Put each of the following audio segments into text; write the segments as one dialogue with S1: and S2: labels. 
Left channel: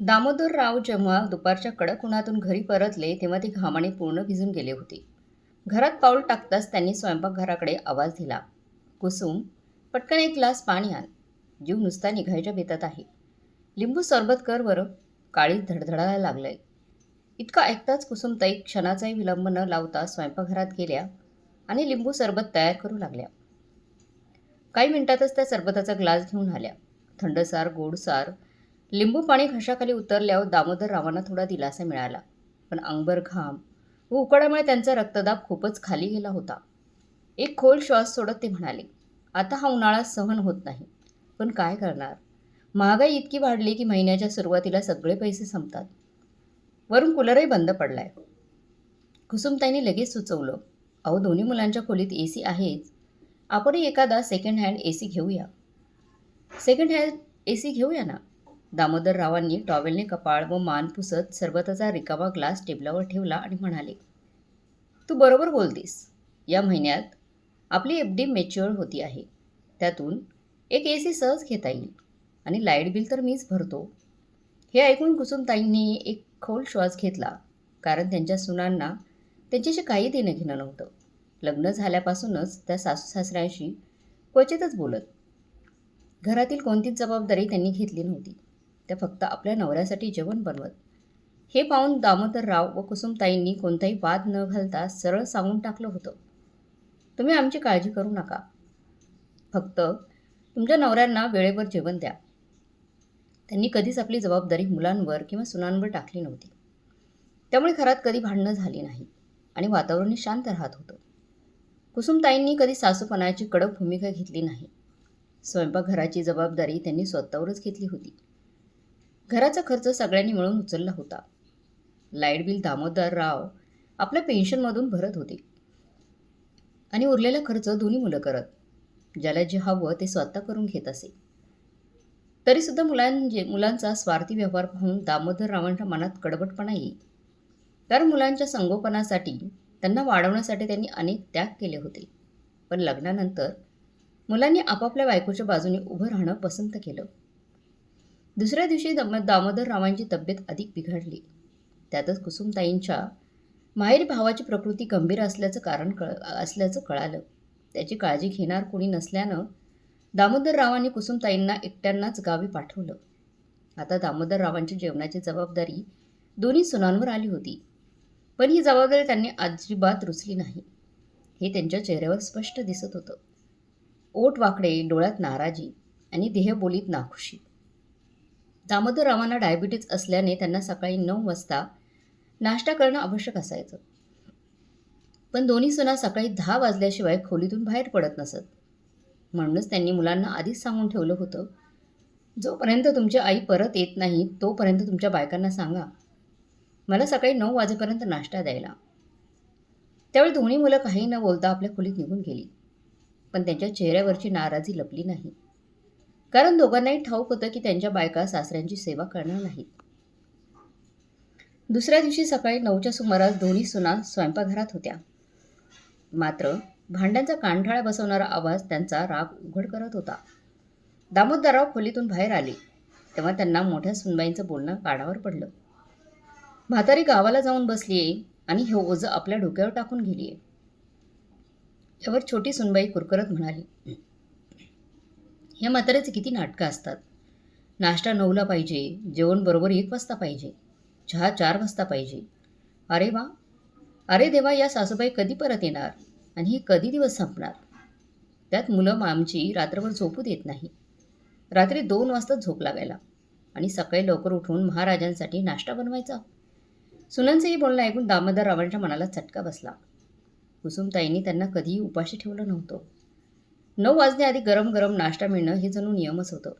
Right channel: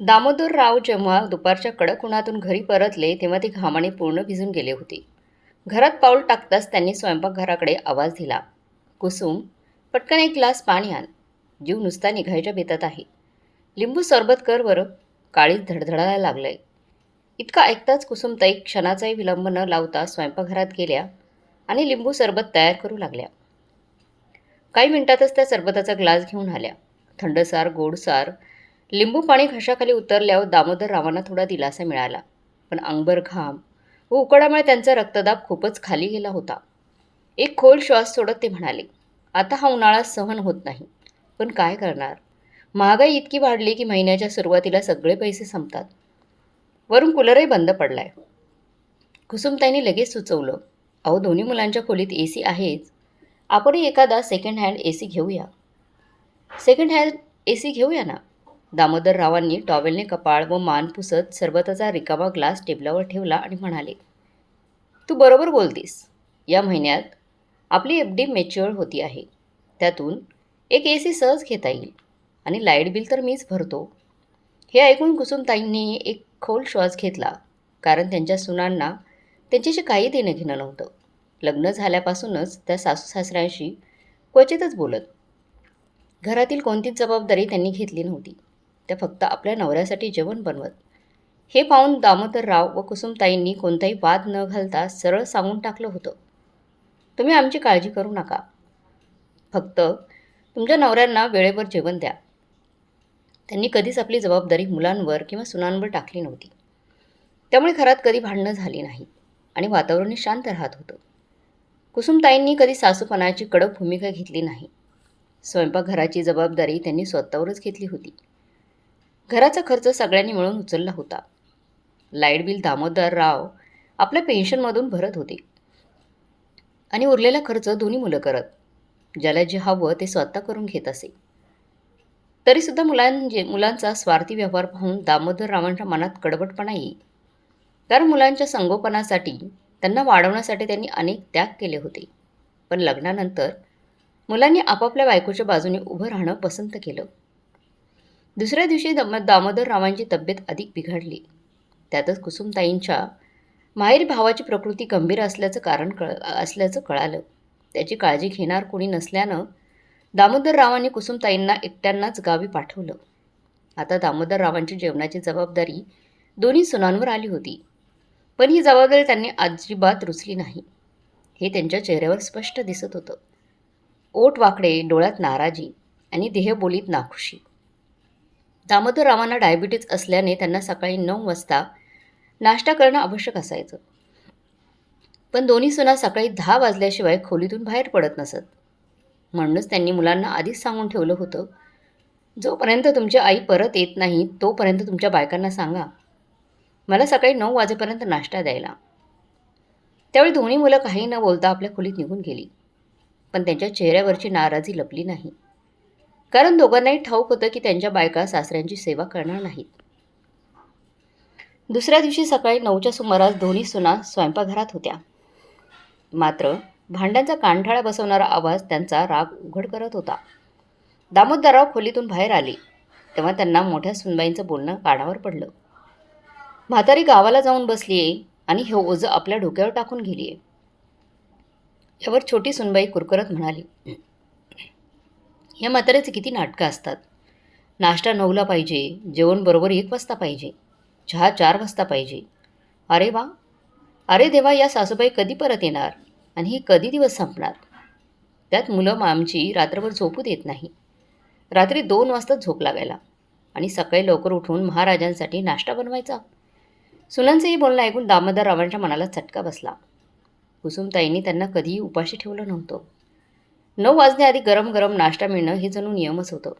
S1: दामोदरराव जेव्हा दुपारच्या कडक उन्हातून घरी परतले तेव्हा ते घामाने पूर्ण भिजून गेले होते. घरात पाऊल टाकताच त्यांनी स्वयंपाकघराकडे आवाज दिला. कुसुम पटकन एक ग्लास पाणी आण. जीव नुसता निघायच्या बेतात आहे. लिंबू सरबत कर बरं. काळीच धडधडायला लागलंय. इतका ऐकताच कुसुमताई क्षणाचाही विलंब न लावता स्वयंपाकघरात गेल्या आणि लिंबू सरबत तयार करू लागल्या. काही मिनिटातच त्या सरबताचा ग्लास घेऊन आल्या. थंडसार गोडसार लिंबू पाणी घशाखाली उतरल्यावर दामोदर रावांना थोडा दिलासा मिळाला. पण अंगभर घाम व उकडामुळे त्यांचा रक्तदाब खूपच खाली गेला होता. एक खोल श्वास सोडत ते म्हणाले आता हा उन्हाळा सहन होत नाही. पण काय करणार? महागाई इतकी वाढली की महिन्याच्या सुरुवातीला सगळे पैसे संपतात. वरून कूलरही बंद पडलाय. कुसुमताईंनी लगेच सुचवलं अहो दोन्ही मुलांच्या खोलीत ए सी आहेच. आपणही एखादा सेकंड हँड ए सी घेऊया. सेकंड हँड ए सी घेऊया ना? दामोदररावांनी टॉवेलने कपाळ व मान पुसत सरबताचा रिकामा ग्लास टेबलावर ठेवला आणि म्हणाले तू बरोबर बोलतीस. या महिन्यात आपली एफ डी मॅच्युअर होती आहे. त्यातून एक ए सी सहज घेता येईल आणि लाइट बिल तर मीच भरतो. हे ऐकून कुसुमताईंनी एक खोल श्वास घेतला कारण त्यांच्या सुनांना त्यांच्याशी काही देणं घेणं नव्हतं. लग्न झाल्यापासूनच त्या सासू सासऱ्यांशी क्वचितच बोलत. घरातील कोणतीच जबाबदारी त्यांनी घेतली नव्हती. त्या फक्त आपल्या नवऱ्यासाठी जेवण बनवत. हे पाहून दामोदरराव व कुसुमताईंनी कोणताही वाद न घालता सरळ सांगून टाकलं होतं. तुम्ही आमची काळजी करू नका. फक्त तुमच्या नवऱ्यांना वेळेवर जेवण द्या. त्यांनी कधीच आपली जबाबदारी मुलांवर किंवा सुनांवर टाकली नव्हती. त्यामुळे घरात कधी भांडणं झाली नाही आणि वातावरणही शांत राहत होतं. कुसुमताईंनी कधी सासूपणाची कडक भूमिका घेतली नाही. स्वयंपाकघराची जबाबदारी त्यांनी स्वतःवरच घेतली होती. घराचा खर्च सगळ्यांनी मिळून उचलला होता. लाइट बिल दामोदर राव आपल्या पेन्शनमधून भरत होते. आणि उरलेला खर्च दोन्ही मुलं करत ज्याला जे हवं ते स्वतः करून घेत असे. तरीसुद्धा मुलांचे मुलांचा स्वार्थी व्यवहार पाहून दामोदर रावांच्या मनात कडवटपणा येईल कारण मुलांच्या संगोपनासाठी त्यांना वाढवण्यासाठी त्यांनी अनेक त्याग केले होते. पण लग्नानंतर मुलांनी आपापल्या बायकोच्या बाजूने उभं राहणं पसंत केलं. दुसऱ्या दिवशी दम दामोदर रावांची तब्येत अधिक बिघडली. त्यातच कुसुमताईंच्या माहेर भावाची प्रकृती गंभीर असल्याचं कारण कळ असल्याचं कळालं. त्याची काळजी घेणार कोणी नसल्यानं दामोदर रावांनी कुसुमताईंना एकट्यांनाच गावी पाठवलं. आता दामोदर रावांची जेवणाची जबाबदारी दोन्ही सुनांवर आली होती. पण ही जबाबदारी त्यांनी अजिबात रुचली नाही. हे त्यांच्या चेहऱ्यावर स्पष्ट दिसत होतं. ओट वाकडे डोळ्यात नाराजी आणि देहबोलीत नाखुशी. दामोदर रावांना डायबिटीज असल्याने त्यांना सकाळी नऊ वाजता नाश्ता करणं आवश्यक असायचं. पण दोन्ही सुना सकाळी दहा वाजल्याशिवाय खोलीतून बाहेर पडत नसत. म्हणूनच त्यांनी मुलांना आधीच सांगून ठेवलं होतं जोपर्यंत तुमची आई परत येत नाही तोपर्यंत तुमच्या बायकांना सांगा. मला सकाळी नऊ वाजेपर्यंत नाश्ता द्यायला. त्यावेळी दोन्ही मुलं काही न बोलता आपल्या खोलीत निघून गेली. पण त्यांच्या चेहऱ्यावरची नाराजी लपली नाही. कारण दोघांनाही ठाऊक होतं की त्यांच्या बायका सासऱ्यांची सेवा करणार नाहीत. दुसऱ्या दिवशी सकाळी नऊच्या सुमारास दोन्ही सुना स्वयंपाकघरात होत्या. मात्र भांड्यांचा कानठाळा बसवणारा आवाज त्यांचा राग उघड करत होता. दामोदरराव खोलीतून बाहेर आले तेव्हा त्यांना मोठ्या सुनबाईंचं बोलणं कानावर पडलं. म्हातारी गावाला जाऊन बसली आहे आणि हे ओझं आपल्या डोक्यावर टाकून गेली आहे यावर छोटी सुनबाई कुरकरत म्हणाली ह्या म्हाताऱ्याचे किती नाटकं असतात. नाश्ता नऊला पाहिजे जेवण बरोबर एक वाजता पाहिजे चहा चार वाजता पाहिजे. अरे वा! अरे देवा या सासूबाई कधी परत येणार आणि हे कधी दिवस संपणार? त्यात मुलं आमची रात्रभर झोपू देत नाही. रात्री दोन वाजता झोप लागायला आणि सकाळी लवकर उठून महाराजांसाठी नाश्ता बनवायचा. सुनांचंही बोलणं ऐकून दामोदर रावांच्या मनाला चटका बसला. कुसुमताईंनी त्यांना कधीही उपाशी ठेवलं नव्हतं. नऊ वाजण्याआधी गरम गरम नाश्ता मिळणं हे जणू नियमच होतं.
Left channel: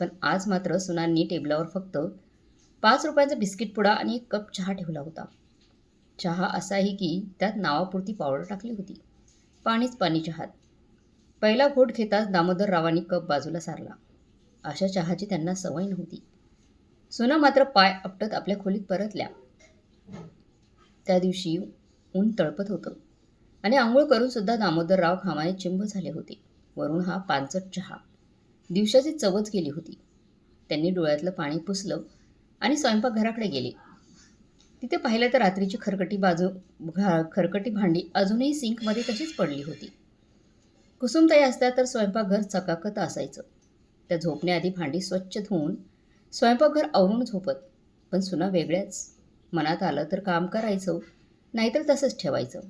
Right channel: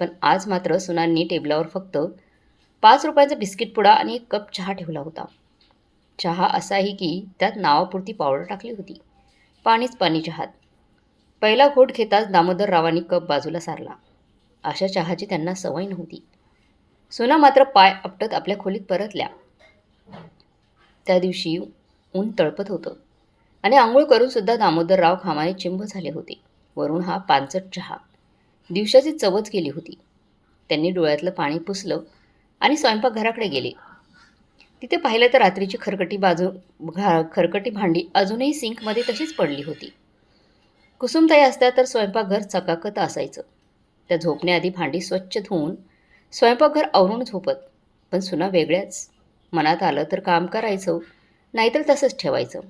S1: पण आज मात्र सुनांनी टेबलावर फक्त पाच रुपयाचा बिस्किट पुडा आणि एक कप चहा ठेवला होता. चहा असाही की त्यात नावापुरती पावडर टाकली होती. पाणीच पाणी चहात पहिला घोट घेताच दामोदर रावांनी कप बाजूला सारला. अशा चहाची त्यांना सवय नव्हती. सुना मात्र पाय आपटत आपल्या खोलीत परतल्या. त्या दिवशी ऊन तळपत होतं. आणि आंघोळ करूनसुद्धा दामोदरराव घामाने चिंब झाले होते. वरून हा पानचट चहा दिवसाची चवच गेली होती. त्यांनी डोळ्यातलं पाणी पुसलं आणि स्वयंपाकघराकडे गेले. तिथे पाहिलं तर रात्रीची खरकटी बाजू घा खरकटी भांडी अजूनही सिंकमध्ये तशीच पडली होती. कुसुमताई असत्या तर स्वयंपाकघर चकाकत असायचं. त्या झोपण्याआधी भांडी स्वच्छ धुवून स्वयंपाकघर आवरून झोपत पण सुना वेगळ्याच. मनात आलं तर काम करायचं नाहीतर तसंच ठेवायचं.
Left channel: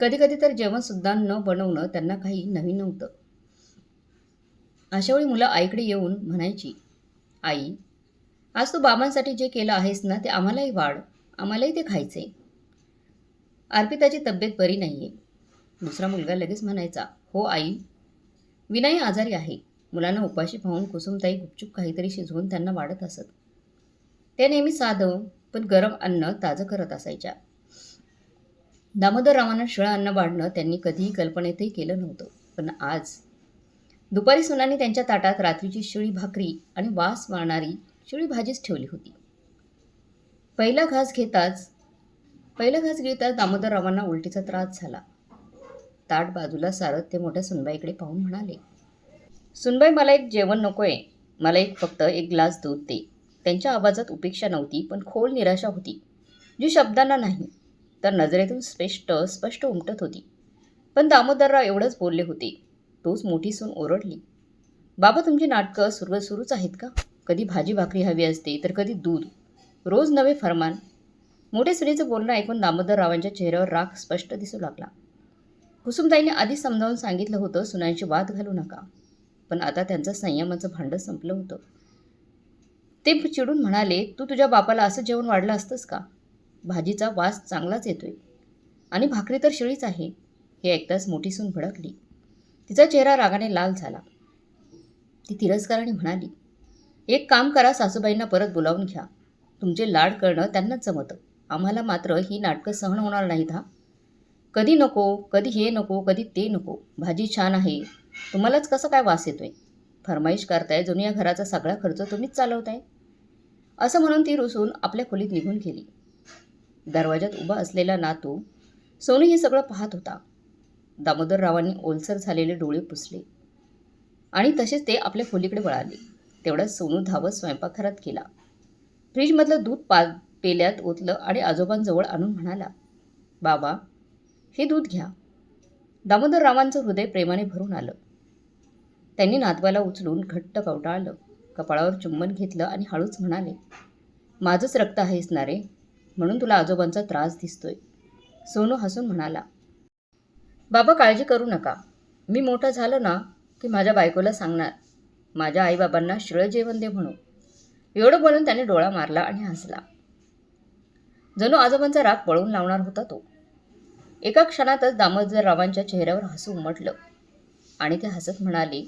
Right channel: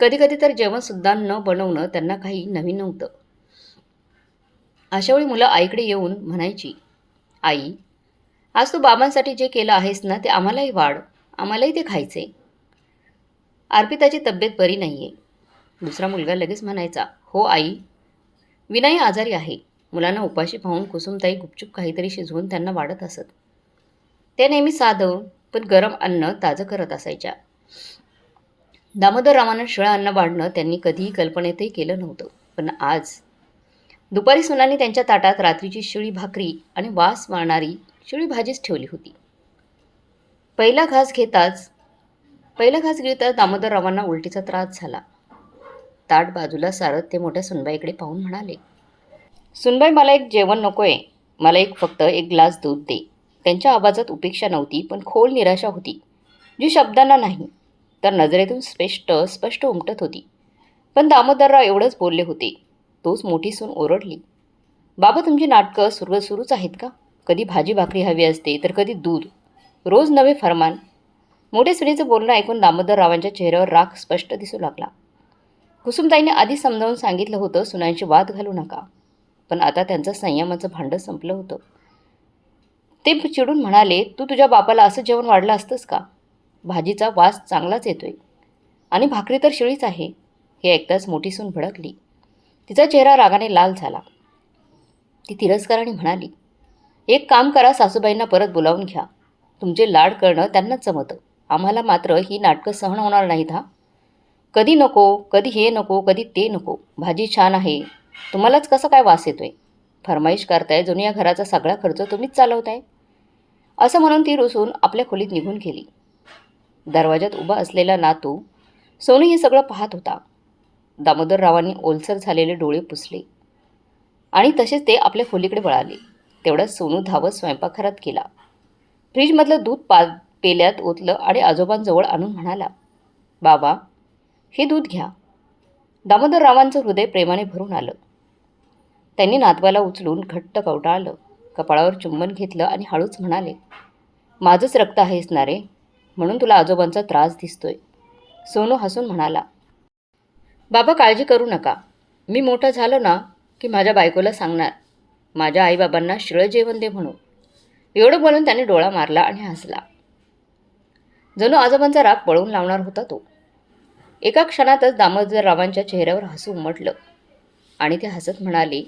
S1: कधीकधी तर जेवणसुद्धा न बनवणं त्यांना काही नवीन नव्हतं. अशावेळी मुलं आईकडे येऊन म्हणायची आई आज तू बाबांसाठी जे केलं आहेस ना ते आम्हालाही वाढ आम्हालाही ते खायचे. अर्पिताची तब्येत बरी नाही आहे दुसरा मुलगा लगेच म्हणायचा हो आई विनाई आजारी आहे. मुलांना उपाशी पाहून कुसुमताई गुपचूप काहीतरी शिजवून त्यांना वाढत असत. ते नेहमी साधं पण गरम अन्न ताजं करत असायच्या. दामोदररावांना रामानं अन्न वाढणं त्यांनी कधीही कल्पनेतही केलं नव्हतं. पण आज दुपारी सुनाने त्यांच्या ताटात रात्रीची शिळी भाकरी आणि वास मारणारी शिळी भाजीच ठेवली होती. पहिला घास घेताच पहिला घास घेताच दामोदररावांना उलटीचा त्रास झाला. ताट बाजूला सारत ते मोठ्या सुनबाईकडे पाहून म्हणाले सुनबाई मला एक जेवण नको आहे मला एक फक्त एक ग्लास दूध दे. त्यांच्या आवाजात उपेक्षा नव्हती पण खोल निराशा होती. जी शब्दांना नाही तर नजरेतून स्पष्ट स्पष्ट उमटत होती. पण दामोदरराव एवढंच बोलले होते. तोच मोठी सून ओरडली. बाबा तुमची नाटकं सुरू सुरूच आहेत का? कधी भाजी भाकरी हवी असते तर कधी दूध. रोज नवे फरमान. मोठे सुनेचं बोलणं ऐकून दामोदररावांच्या चेहऱ्यावर राग स्पष्ट दिसू लागला. कुसुमताईने आधी समजावून सांगितलं होतं सुनांची वाद घालू नका. पण आता त्यांचं संयमाचं भांडं संपलं होतं. ते चिडून म्हणाले तू तुझ्या बापाला असं जेवण वाढलं असतंस का? भाजीचा वास चांगलाच येतोय. आणि भाकरी तर शिळीच आहे. हे ऐकताच मोठी सून भडकली. तिचा चेहरा रागाने लाल झाला. ती तिरस्काराने म्हणाली एक काम करा सासूबाईंना परत बोलावून घ्या. तुमचे लाड करणं त्यांनाच जमतं. आम्हाला मात्र ही नाटकं सहन होणार नाहीत हा. कधी नको कधी हे नको कधी ते नको. भाजी छान आहे. तुम्हालाच कसं काय वास येतोय? फरमाईश करताय जणू घराचा सगळा खर्च तुम्हीच चालवताय. असं म्हणून ती रुसून आपल्या खोलीत निघून गेली. दरवाजात उभा असलेला नातू सोनू हे सगळं पाहत होता. दामोदररावांनी ओलसर झालेले डोळे पुसले. आणि तसेच ते आपल्या खोलीकडे वळाले. तेवढ्यात सोनू धावत स्वयंपाकघरात गेला. फ्रीजमधलं दूध पा पेल्यात ओतलं आणि आजोबांजवळ आणून म्हणाला बाबा हे दूध घ्या. दामोदररावांचं हृदय प्रेमाने भरून आलं. त्यांनी नातवाला उचलून घट्ट कवटाळलं. कपाळावर चुंबन घेतलं आणि हळूच म्हणाले माझंच रक्त आहेस ना रे. म्हणून तुला आजोबांचा त्रास दिसतोय. सोनू हसून म्हणाला बाबा काळजी करू नका. मी मोठं झालो ना की माझ्या बायकोला सांगणार. माझ्या आईबाबांना शिळं जेवण दे म्हणू एवढं बोलून त्याने डोळा मारला आणि हसला. जणू आजोबांचा राग पळवून लावणार होता तो. एका क्षणातच दामोदररावांच्या चेहऱ्यावर हसू उमटलं आणि ते हसत म्हणाले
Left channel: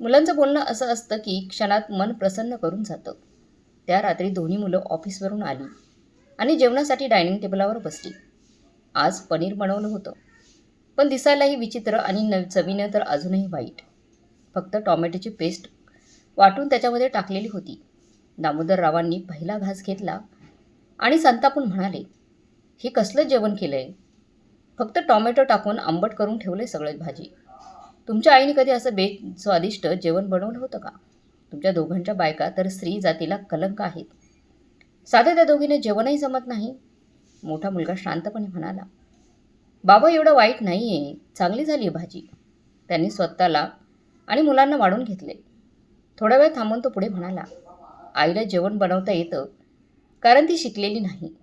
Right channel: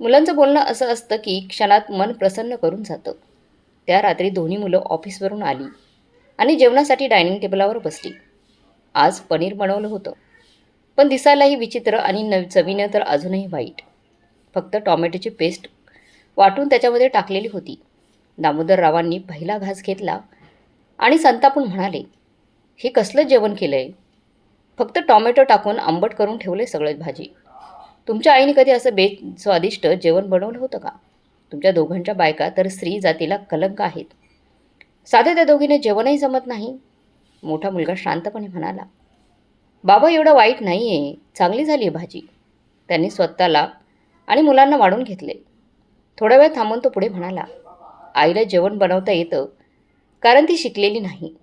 S1: मुलांचं बोलणं असं असतं की क्षणात मन प्रसन्न करून जातं. त्या रात्री दोन्ही मुलं ऑफिसवरून आली. आणि जेवणासाठी डायनिंग टेबलावर बसली. आज पनीर बनवलं होतं. पण दिसायलाही विचित्र आणि न चवीनं तर अजूनही वाईट. फक्त टॉमॅटोची पेस्ट वाटून त्याच्यामध्ये टाकलेली होती. दामोदररावांनी पहिला घास घेतला आणि संतापून म्हणाले हे कसलं जेवण केलं आहे फक्त टॉमॅटो टाकून आंबट करून ठेवले सगळेच भाजी. तुमच्या आईने कधी असं बे स्वादिष्ट जेवण बनवलं होतं का? तुमच्या दोघांच्या बायका तर स्त्री जातीला कलंक आहेत. साध्या त्या दोघीने जेवणही जमत नाही. मोठा मुलगा शांतपणे म्हणाला बाबा एवढं वाईट नाही आहे चांगली झाली आहे भाजी. त्यांनी स्वतःला आणि मुलांना वाढून घेतले. थोडा वेळ थांबून तो पुढे म्हणाला आईला जेवण बनवता येतं कारण ती शिकलेली नाही.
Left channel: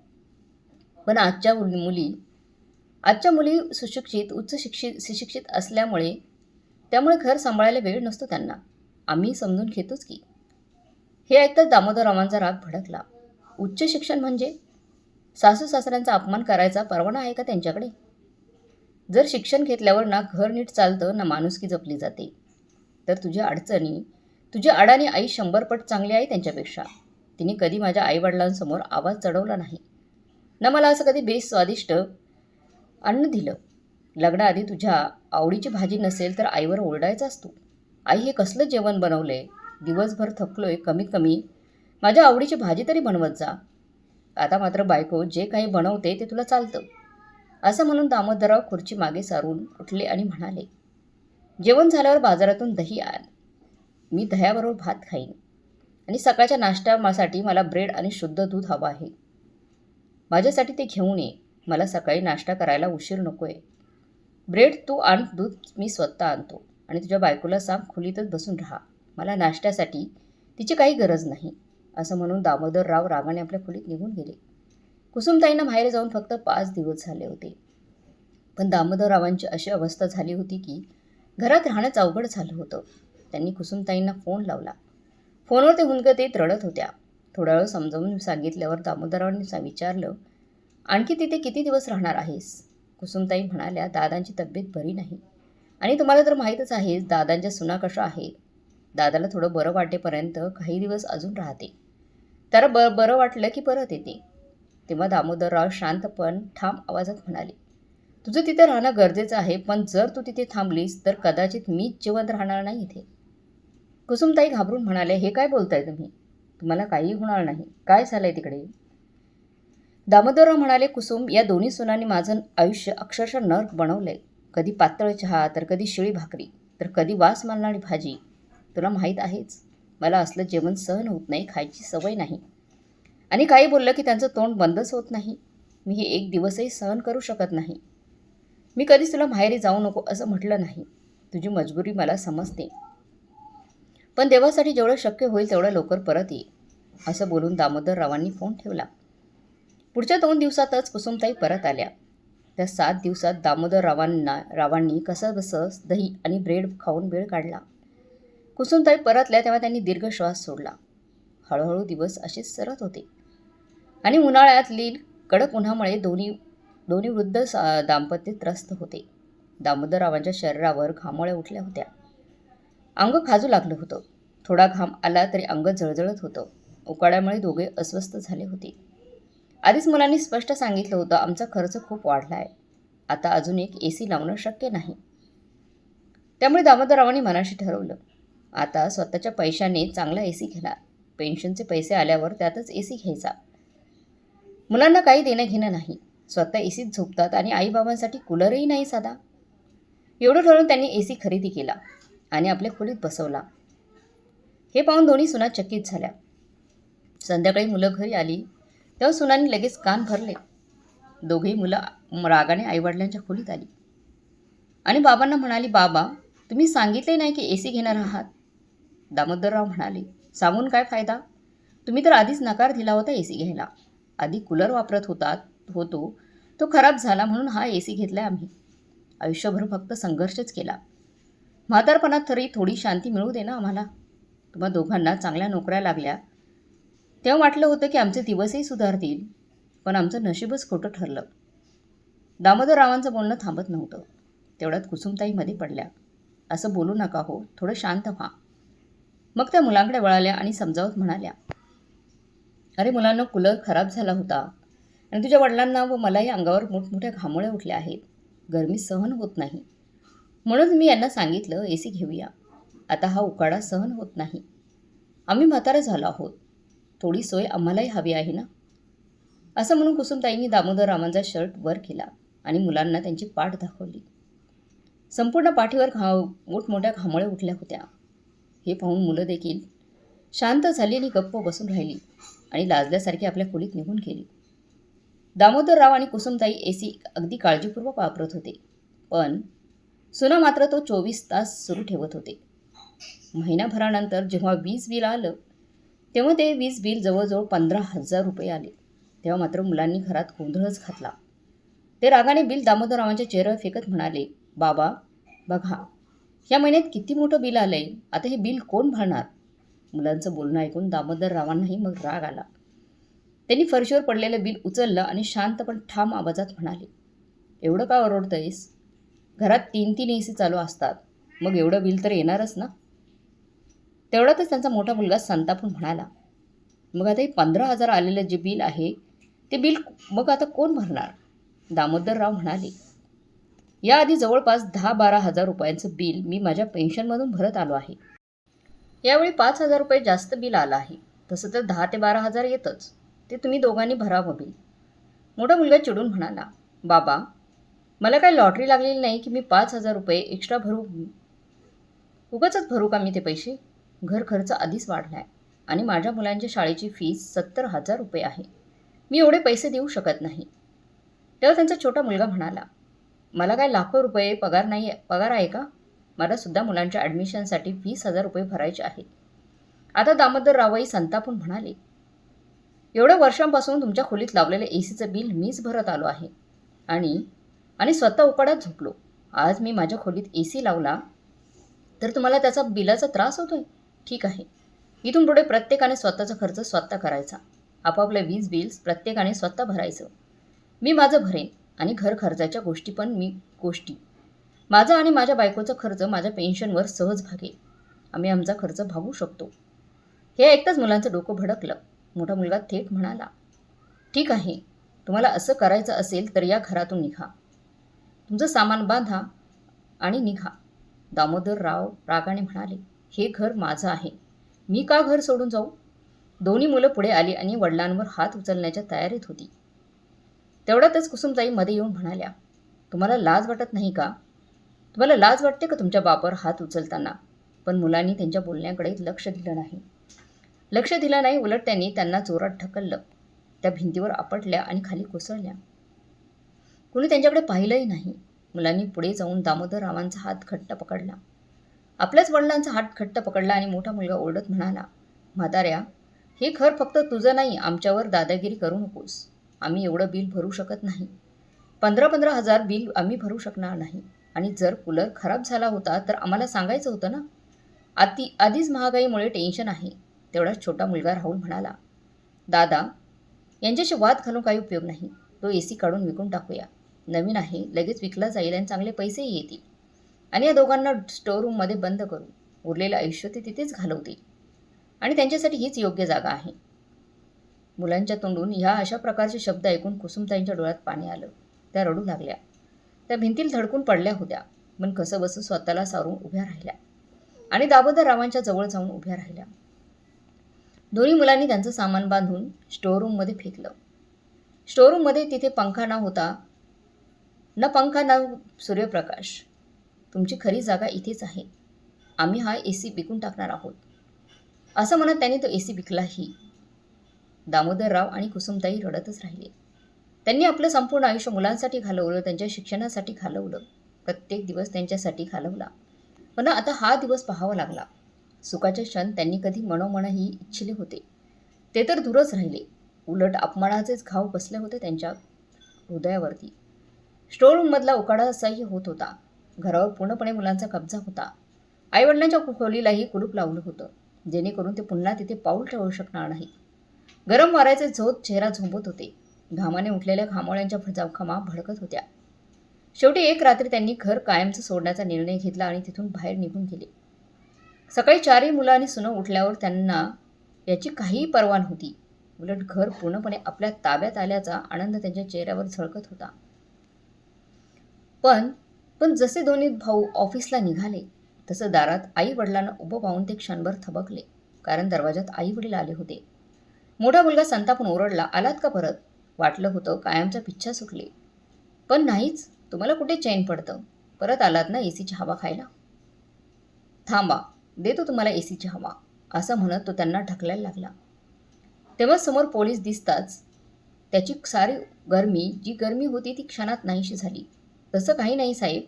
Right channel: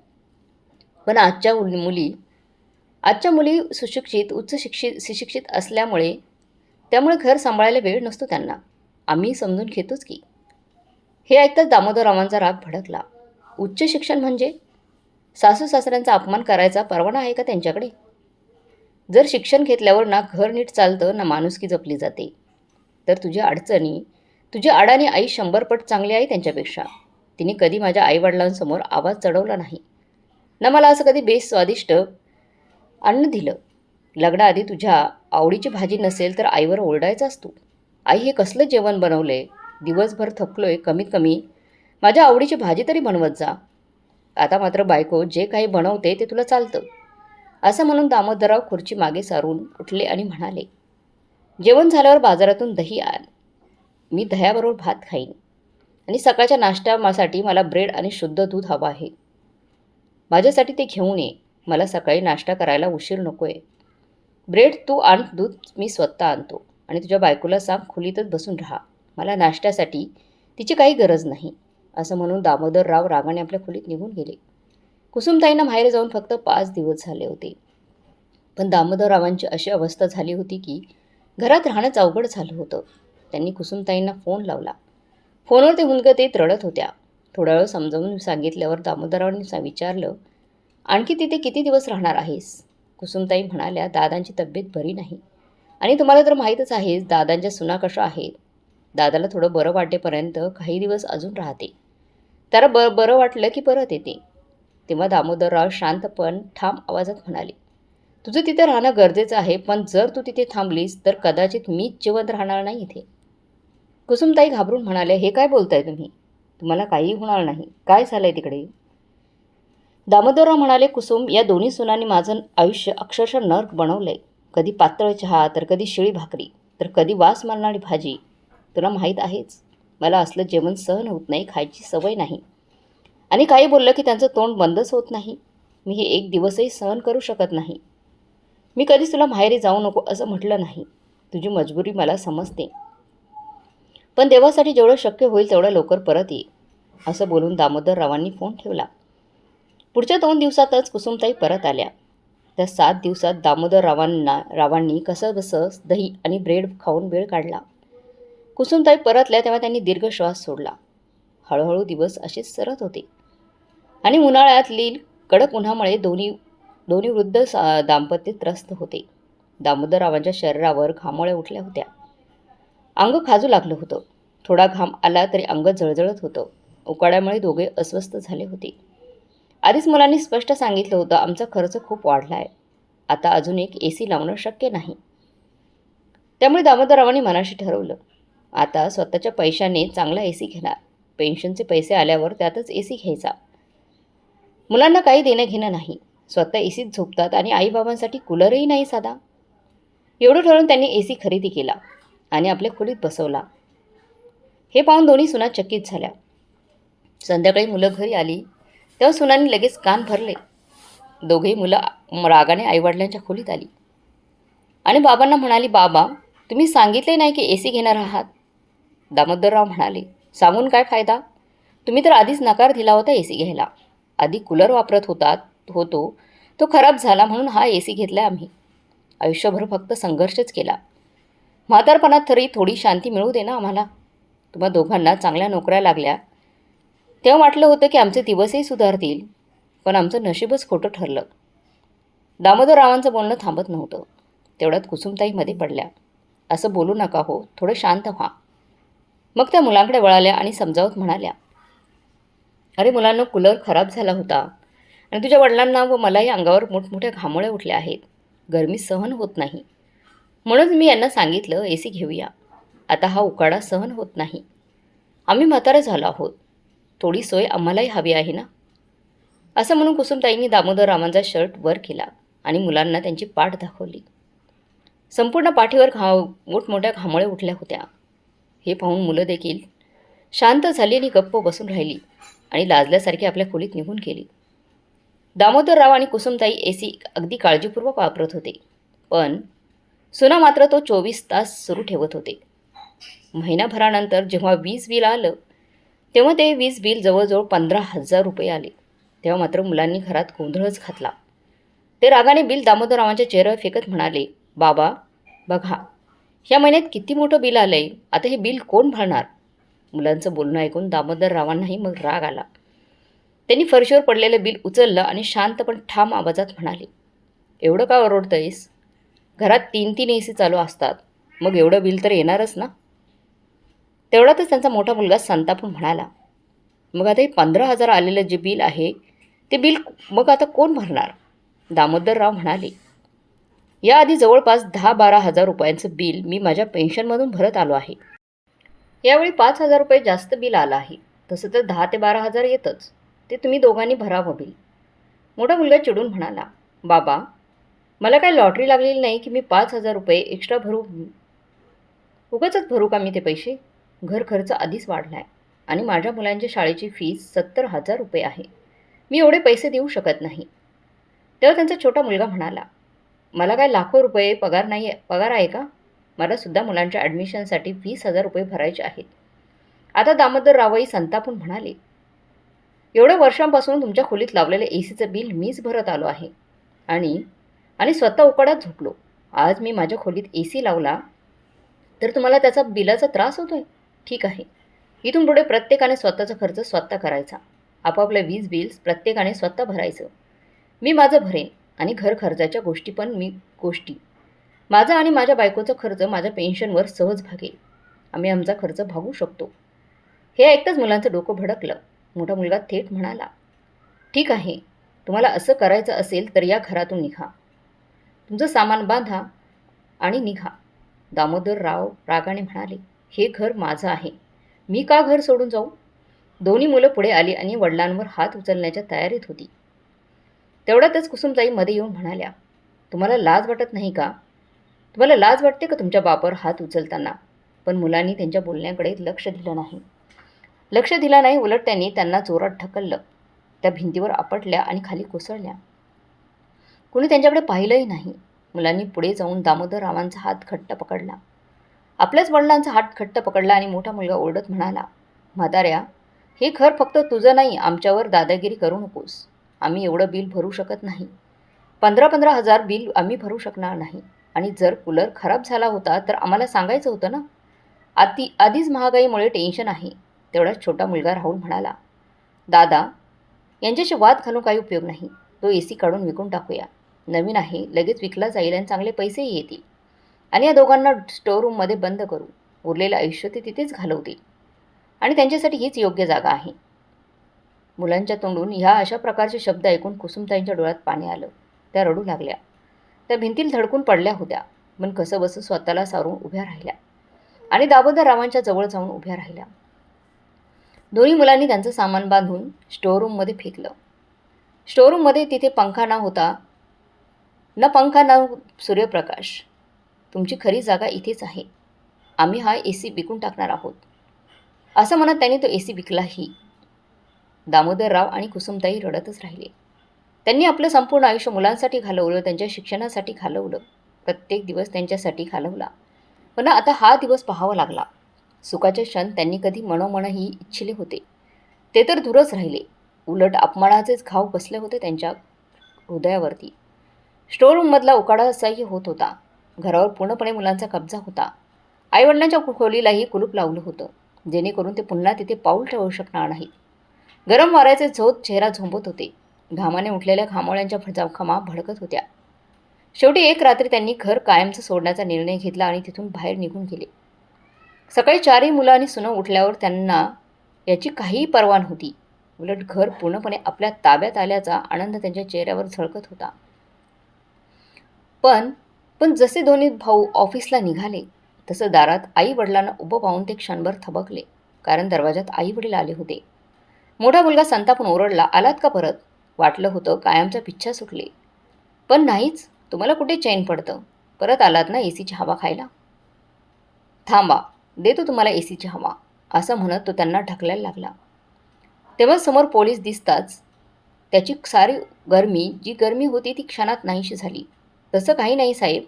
S1: पण आजच्या मुली मुली आजच्या मुली सुशिक्षित उच्च शिक्षित सुशिक्षित असल्यामुळे त्यामुळे घर सांभाळायला वेळ नसतो त्यांना. आम्ही समजून घेतोच की. हे ऐकताच दामोदररावांचा राग भडकला. उच्च शिक्षण म्हणजे सासू सासऱ्यांचा अपमान करायचा परवाना आहे का त्यांच्याकडे? जर शिक्षण घेतल्यावर ना घर नीट चालतं ना माणुसकी जपली जाते. तर तुझ्या अडचणी तुझी अडाणी आई शंभर पट चांगली आहे त्यांच्यापेक्षा. तिने कधी माझ्या आईवडिलांसमोर आवाज चढवला नाही. ना मला असं कधी बेस स्वादिष्ट अन्न दिलं? लग्नाआधी तुझ्या आवडीची भाजी नसेल तर आईवर ओरडायचा असतो. आई हे कसलं जेवण बनवलं आहे दिवसभर थकलो आहे कमीत कमी माझ्या आवडीची भाजी तरी बनवत जा. आता मात्र बायको जे काही बनवते ते तुला चालतं. असं म्हणून दामोदरराव खुर्ची मागे सारून उठले आणि म्हणाले जेवण झाल्यावर बाजारातून दही आण. मी दह्याबरोबर भात खाईन. आणि सकाळच्या नाश्त्यासाठी मला ब्रेड आणि शुद्ध दूध हवं आहे. माझ्यासाठी ते घेऊन ये. मला सकाळी नाश्ता करायला उशीर नको आहे ब्रेड तू आण दूध मी स्वतः आणतो. आणि तुझ्या बायकोला सांग खोलीतच बसून राहा. मला नाश्त्यासाठी तिची काही गरज नाही. असं म्हणून दामोदरराव रागाने आपल्या खोलीत निघून गेले. कुसुमताईंना बाहेर जाऊन फक्त पाच दिवस झाले होते. पण दामोदररावांची अशी अवस्था झाली होती की घरात राहणंच अवघड झालं होतं. त्यांनी कुसुमताईंना फोन लावला. फोनवर ते हुंदकत ते रडत होत्या. थोडा वेळ समजावून सांगितल्यावर दामोदररावांनी विचारलं आणखी तिथे किती दिवस राहणार आहेस? कुसुमताई म्हणाल्या दादांची तब्येत बरी नाही. आणि तुम्हाला तर माहीतच आहेच दादांच्या सुना कशा आहेत? दादाला थोडं बरं वाटेपर्यंत काही दिवस अजून राहते. त्याला ब बरं वाटलं की परत येते. तेव्हा दामोदरराव शांत पण ठाम आवाजात म्हणाले तुझं तिथं राहणं गरजेचं आहे पण जर तू तिथे थांबलीस तर कदाचित मीच जिवंत राहणार नाही इथे. कुसुमताई घाबरून म्हणाले हे काय बोलताय तुम्ही? तुम्हाला काहीही होणार नाही. काय झालं आहे तिकडे? दामोदरराव म्हणाले कुसुम या दोन्ही सुनांनी माझं आयुष्य अक्षरशः नर्क बनवलं आहे कधी पातळ चहा तर कधी शिळी भाकरी तर कधी वास मारणारी भाजी. तुला माहीत आहेच मला असलं जेवण सहन होत नाही खायची सवय नाही. आणि काही बोललं की त्यांचं तोंड बंदच होत नाही. मी हे एक दिवसही सहन करू शकत नाही. मी कधीच तुला माहेरी जाऊ नको असं म्हटलं नाही. तुझी मजबुरी मला समजते. पण देवासाठी जेवढं शक्य होईल तेवढं लवकर परत ये असं बोलून दामोदररावांनी फोन ठेवला. पुढच्या दोन दिवसातच कुसुमताई परत आल्या. त्या सात दिवसात दामोदररावांना रावांनी कसं बसं दही आणि ब्रेड खाऊन वेळ काढला. कुसुमताई परतल्या तेव्हा त्यांनी दीर्घ श्वास सोडला. हळूहळू दिवस असेच सरत होते. आणि उन्हाळ्यातली कडक उन्हामुळे दोन्ही दोन्ही वृद्ध सा- दाम्पत्य त्रस्त होते. दामोदररावांच्या शरीरावर घामोळ्या उठल्या होत्या. अंग खाजू लागलं होतं. थोडा घाम आला तरी अंग जळजळत होतं. उकाड्यामुळे दोघे अस्वस्थ झाले होते. आधीच मुलांनी स्पष्ट सांगितलं होतं आमचा खर्च खूप वाढला आहे आता अजून एक ए सी लावणं शक्य नाही. त्यामुळे दामोदररावांनी मनाशी ठरवलं. आता स्वतःच्या पैशाने चांगला ए सी घेणार. पेन्शनचे पैसे आल्यावर त्यातच ए सी घ्यायचा. मुलांना काही देणं घेणं नाही. स्वतः ए सीत झोपतात आणि आईबाबांसाठी कूलरही नाही साधा. एवढं ठरवून त्यांनी ए सी खरेदी केला आणि आपल्या खोलीत बसवला. हे पाहून दोन्ही सुना चकित झाल्या. संध्याकाळी मुलं घरी आली. तेव्हा सुनांनी लगेच कान भरले. दोघेही मुलं रागाने आईवडिलांच्या खोलीत आली. आणि बाबांना म्हणाली बाबा तुम्ही सांगितले नाही की ए सी घेणार आहात. दामोदरराव म्हणाले सांगून काय फायदा? तुम्ही तर आधीच नकार दिला होता ए सी घ्यायला. आधी कूलर वापरत होतात होतो. तो खराब झाला म्हणून हा ए सी घेतला आम्ही. आयुष्यभर फक्त संघर्षच केला. म्हातारपणात तरी थोडी शांती मिळू दे ना आम्हाला. तुम्हा दोघांना चांगल्या नोकऱ्या लागल्या. तेव्हा वाटलं होतं की आमचे दिवसही सुधारतील पण आमचं नशीबच खोटं ठरलं. दामोदररावांचं बोलणं थांबत नव्हतं. तेवढ्यात कुसुमताईमध्ये पडल्या. असं बोलू नका हो. थोडं शांत व्हा. मग त्या मुलांकडे वळाल्या आणि समजावत म्हणाल्या अरे मुलांना कूलर खराब झाला होता आणि तुझ्या वडिलांना व मलाही अंगावर मोठमोठ्या घामोळ्या उठल्या आहेत. गरमी सहन होत नाही. म्हणून मी यांना सांगितलं ए सी घेऊया. आता हा उकाडा सहन होत नाही. आम्ही म्हातारे झालो आहोत. थोडी सोय आम्हालाही हवी आहे ना? असं म्हणून कुसुमताईंनी दामोदररावांचा शर्ट वर केला आणि मुलांना त्यांची पाठ दाखवली. संपूर्ण पाठीवर घा मोठमोठ्या घामोळ्या उठल्या होत्या. हे पाहून मुलं देखील शांत झाली आणि गप्प बसून राहिली आणि लाजल्यासारखी आपल्या खोलीत निघून गेली. दामोदरराव आणि कुसुमताई ए सी अगदी काळजीपूर्वक वापरत होते. पण सुना मात्र तो चोवीस तास सुरू ठेवत होते. महिनाभरानंतर जेव्हा वीज बिल आलं तेव्हा ते वीज बिल जवळजवळ पंधरा हजार रुपये आले. तेव्हा मात्र मुलांनी घरात गोंधळच घातला. ते रागाने बिल दामोदररावांच्या चेहऱ्यावर फेकत म्हणाले बाबा बघा ह्या महिन्यात किती मोठं बिल आलं आहे आता हे बिल कोण भरणार? मुलांचं बोलणं ऐकून दामोदररावांनाही मग राग आला. त्यांनी फरशीवर पडलेलं बिल उचललं आणि शांत पण ठाम आवाजात म्हणाले एवढं का ओरडतंयस? घरात तीन तीन ए सी चालू असतात. मग एवढं बिल तर येणारच ना? तेवढ्यातच त्यांचा मोठा मुलगा संतापून म्हणाला मग आता हे पंधरा हजार आलेलं जे बिल आहे ते बिल मग आता कोण भरणार? दामोदरराव म्हणाले याआधी जवळपास दहा बारा हजार रुपयांचं बिल मी माझ्या पेन्शनमधून भरत आलो आहे. यावेळी पाच हजार रुपये जास्त बिल आलं आहे. तसं तर दहा ते बारा हजार येतच. ते तुम्ही दोघांनी भरावं बिल. मोठा मुलगा चिडून म्हणाला बाबा मला काय लॉटरी लागलेली नाही की मी पाच हजार रुपये एक्स्ट्रा भरू? उगाचच भरू का मी ते पैसे? घर खर्च आधीच वाढला आहे आणि माझ्या मुलांच्या शाळेची फीस सत्तर हजार रुपये आहे. मी एवढे पैसे देऊ शकत नाही. तेव्हा त्यांचा छोटा मुलगा म्हणाला मला काय लाखो रुपये पगार नाही आहे पगार आहे का? मला सुद्धा मुलांच्या ॲडमिशनसाठी वीस हजार रुपये भरायचे आहेत. आता दामोदर रावई संतापून म्हणाले एवढ्या वर्षांपासून तुमच्या खोलीत लावलेलं ए सीचं बिल मीच भरत आलो आहे. आणि आणि स्वतः उकाड्यात झोपलो. आज मी माझ्या खोलीत ए सी लावला तर तुम्हाला त्याचा बिलाचा त्रास होतो आहे ठीक आहे. इथून पुढे प्रत्येकाने स्वतःचा खर्च स्वतः करायचा. आपापलं वीज बिल्स प्रत्येकाने स्वतः भरायचं. मी माझं भरेन. आणि घर खर्चाच्या गोष्टी पण मी गोष्टी. माझा आणि माझ्या बायकोचा खर्च माझ्या पेन्शनवर सहज भागेल. आम्ही आमचा खर्च भागू शकतो. हे ऐकताच मुलांचं डोकं भडकलं. मोठा मुलगा थेट म्हणाला ठीक आहे तुम्हाला असं करायचं असेल तर या घरातून निघा. तुमचं सामान बांधा आणि निघा. दामोदर राव रागाने म्हणाले हे घर माझं आहे. मी का घर सोडून जाऊ? दोन्ही मुलं पुढे आली आणि वडिलांवर हात उचलण्याच्या तयारीत होती. तेवढ्यातच कुसुमताई मध्ये येऊन म्हणाल्या तुम्हाला लाज वाटत नाही का? तुम्हाला लाज वाटते का तुमच्या बापावर हात उचलताना? पण मुलांनी त्यांच्या बोलण्याकडे लक्ष दिलं नाही. लक्ष दिलं नाही उलट त्यांनी त्यांना जोरात ढकललं. त्या भिंतीवर आपटल्या आणि खाली कोसळल्या. कुणी त्यांच्याकडे पाहिलंही नाही. मुलांनी पुढे जाऊन दामोदर रावांचा हात घट्ट पकडला. आपल्याच वडिलांचा हात घट्ट पकडला आणि मोठा मुलगा ओरडत म्हणाला म्हाताऱ्या हे खर फक्त तुझं नाही आमच्यावर दादागिरी करू नकोस. आम्ही एवढं बिल भरू शकत नाही. पंधरा पंधरा हजार बिल आम्ही भरू शकणार नाही. आणि जर कूलर खराब झाला होता तर आम्हाला सांगायचं होतं ना? आधी आधीच महागाईमुळे टेन्शन आहे तेवढाच छोटा मुलगा राहुल म्हणाला. दादा यांच्याशी वाद घालून काही उपयोग नाही. तो ए सी काढून विकून टाकूया. नवीन आहे लगेच विकला जाईल आणि चांगले पैसेही येतील. आणि या दोघांना स्टोअर रूममध्ये बंद करू. उरलेलं आयुष्य ते तिथेच घालवतील. आणि त्यांच्यासाठी हीच योग्य जागा आहे. मुलांच्या तोंडून ह्या अशा प्रकारचे शब्द ऐकून कुसुमताईंच्या डोळ्यात पाणी आलं. त्या रडू लागल्या. त्या भिंतील धडकून पडल्या होत्या. पण कसं बसं स्वतःला सारून उभ्या राहिल्या. आणि दामोदर रावांच्या जवळ जाऊन उभ्या राहिल्या. दोन्ही मुलांनी त्यांचं सामान बांधून स्टोअरूममध्ये फेकलं. स्टोअरूममध्ये तिथे पंखा न होता न पंखा ना सूर्यप्रकाश. तुमची खरी जागा इथेच आहे. आम्ही हा ए सी विकून टाकणार आहोत. असं म्हणत त्यांनी तो ए सी विकलाही दामोदरराव आणि कुसुमताई रडतच राहिले. त्यांनी आपलं संपूर्ण आयुष्य मुलांसाठी घालवलं त्यांच्या शिक्षणासाठी घालवलं. प्रत्येक दिवस त्यांच्यासाठी घालवला. पण आता हा दिवस पाहावा लागला. सुखाचे क्षण त्यांनी कधी मनोमनही इच्छिले होते. ते तर दूरच राहिले. उलट अपमानाचेच घाव बसले होते त्यांच्या हृदयावरती. स्टोर रूममधला उकाडा असाही होत होता. घरावर पूर्णपणे मुलांचा कब्जा होता. आईवडिलांच्या खोलीलाही कुलूप लावलं होतं. जेणेकरून ते पुन्हा तिथे पाऊल ठेवू शकणार नाहीत. गरम वाऱ्याचे झोत चेहरा झोंबत होते. घामाने उठलेल्या घामोळ्यांच्या भडजाखमा भडकत होत्या. शेवटी एक रात्री त्यांनी घर कायमचं सोडण्याचा निर्णय घेतला आणि तिथून बाहेर निघून गेले. सकाळी चारही मुलं आणि सुनं उठल्यावर त्यांना याची काहीही पर्वा नव्हती. उलट घर पूर्णपणे आपल्या ताब्यात आल्याचा आनंद त्यांच्या चेहऱ्यावर झळकत होता. पण पण जसे दोन्ही भाऊ ऑफिसला निघाले तसं दारात आई वडिलांना उभं पाहून ते क्षणभर थबकले कारण दरवाजात आई वडील आले होते. मोठा मुलगा संतापून ओरडला आलात का परत? वाटलं होतं कायमचा पिच्छा सुटली. पण नाहीच तुम्हाला कुठे चैन पडतं? परत आलात ना ए सीची हवा खायला? थांबा देतो तुम्हाला ए सीची हवा असं म्हणत तो त्यांना ढकलायला लागला. तेव्हा समोर पोलीस दिसताच त्याची सारी गरमी जी गरमी होती ती क्षणात नाहीशी झाली. तसं काही नाही साहेब.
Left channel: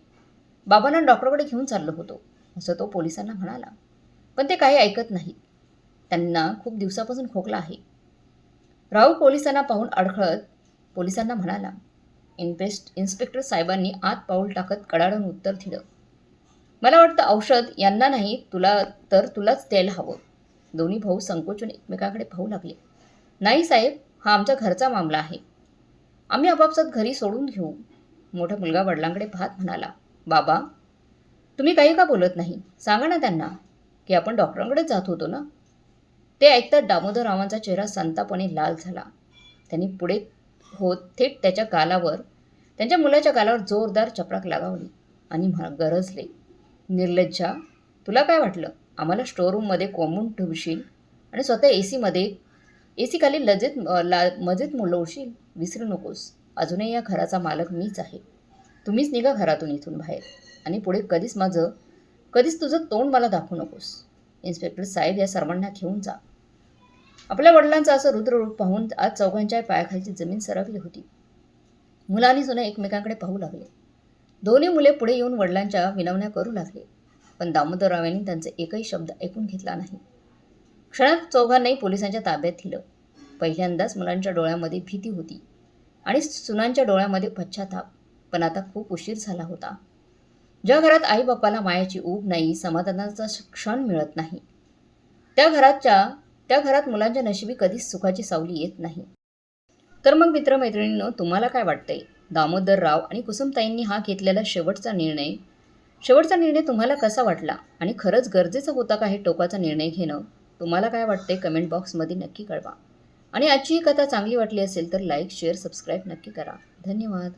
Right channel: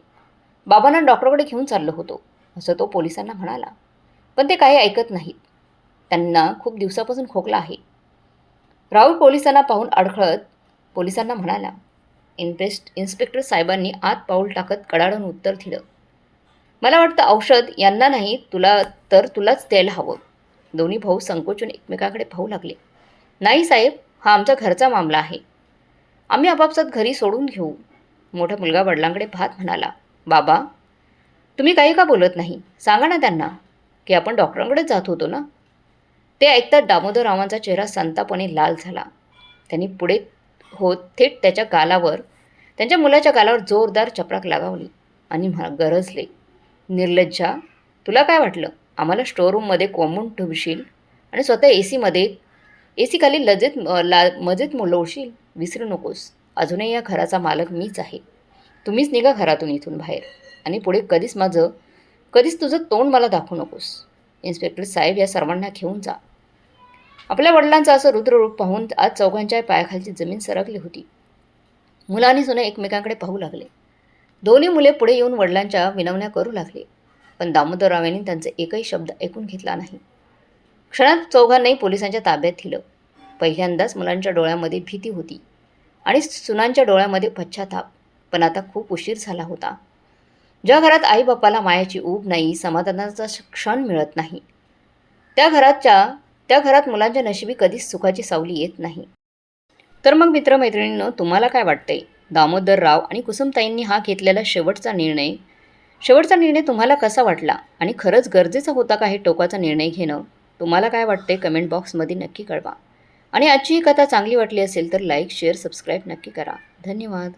S1: बाबांना डॉक्टरकडे घेऊन चाललो होतो असं तो पोलिसांना म्हणाला. पण ते काही ऐकत नाहीत. त्यांना खूप दिवसापासून खोकला आहे. राहुल पोलिसांना पाहून अडखळत पोलिसांना म्हणाला इन्पेस्ट इन्स्पेक्टर साहेबांनी आत पाऊल टाकत कडाडून उत्तर दिलं. मला वाटतं औषध यांना नाही तुला तर तुलाच द्यायला हवं. दोन्ही भाऊ संकोचून एकमेकाकडे पाहू लागले. नाही साहेब हा आमच्या घरचा मामला आहे. आम्ही आपापसात घरी सोडून घेऊ. मोठा मुलगा वडिलांकडे भात म्हणाला बाबा तुम्ही काही का बोलत नाही? सांगा ना त्यांना की आपण डॉक्टरांकडेच जात होतो ना? ते ऐकता दामोदर रावांचा चेहरा संतापणे लाल झाला. त्यांनी पुढे होत थेट त्याच्या गालावर त्यांच्या मुलाच्या गालावर जोरदार चपराक लगावली आणि म्हा गरजले निर्लज्जा तुला काय वाटलं? आम्हाला स्टोअरूममध्ये कोंबून ठेवशील आणि स्वतः ए सीमध्ये ए सीखाली लजेत ला मजेत मुलवशील विसरू नकोस. अजूनही या घराचा मालक मीच आहे. तुम्हीच निघा घरातून इथून बाहेर आणि पुढे कधीच माझं कधीच तुझं तोंड मला दाखवू नकोस. इन्स्पेक्टर साहेब या सर्वांना घेऊन जा. आपल्या वडिलांचं असं रुद्ररूप पाहून आज चौघांच्या पायाखालची जमीन सरकली होती. मुलांनी सुने एकमेकांकडे पाहू लागले. दोन्ही मुले पुढे येऊन वडिलांच्या विनवण्या करू लागले. पण दामोदरराव यांनी त्यांचा एकही शब्द ऐकून घेतला नाही. क्षणात चौघांनाही पोलिसांच्या ताब्यात दिलं. पहिल्यांदाच मुलांच्या डोळ्यामध्ये भीती होती. आणि सुनांच्या डोळ्यामध्ये पश्चाताप. पण आता खूप उशीर झाला होता. ज्या घरात आईबापाला मायाची ऊब नाही समाधानाचा क्षण मिळत नाही. त्या घराच्या त्या घरात मुलांच्या नशिबी कधीच सुखाची सावली येत नाही. तर मग मित्रमैत्रिणींनो तुम्हाला काय वाटतंय? दामोदर राव आणि कुसुमताईंनी हा घेतलेला शेवटचा निर्णय शेवटचा निर्णय तुम्हाला कसा वाटला? आणि खरंच गरजेचा होता का हे टोकाचा निर्णय घेणं? तुम्हाला काय वाटते कमेंट बॉक्समध्ये नक्की कळवा. आणि आजची ही कथा चांगली वाटली असेल तर लाईक शेअर सबस्क्राईब नक्की करा. धन्यवाद.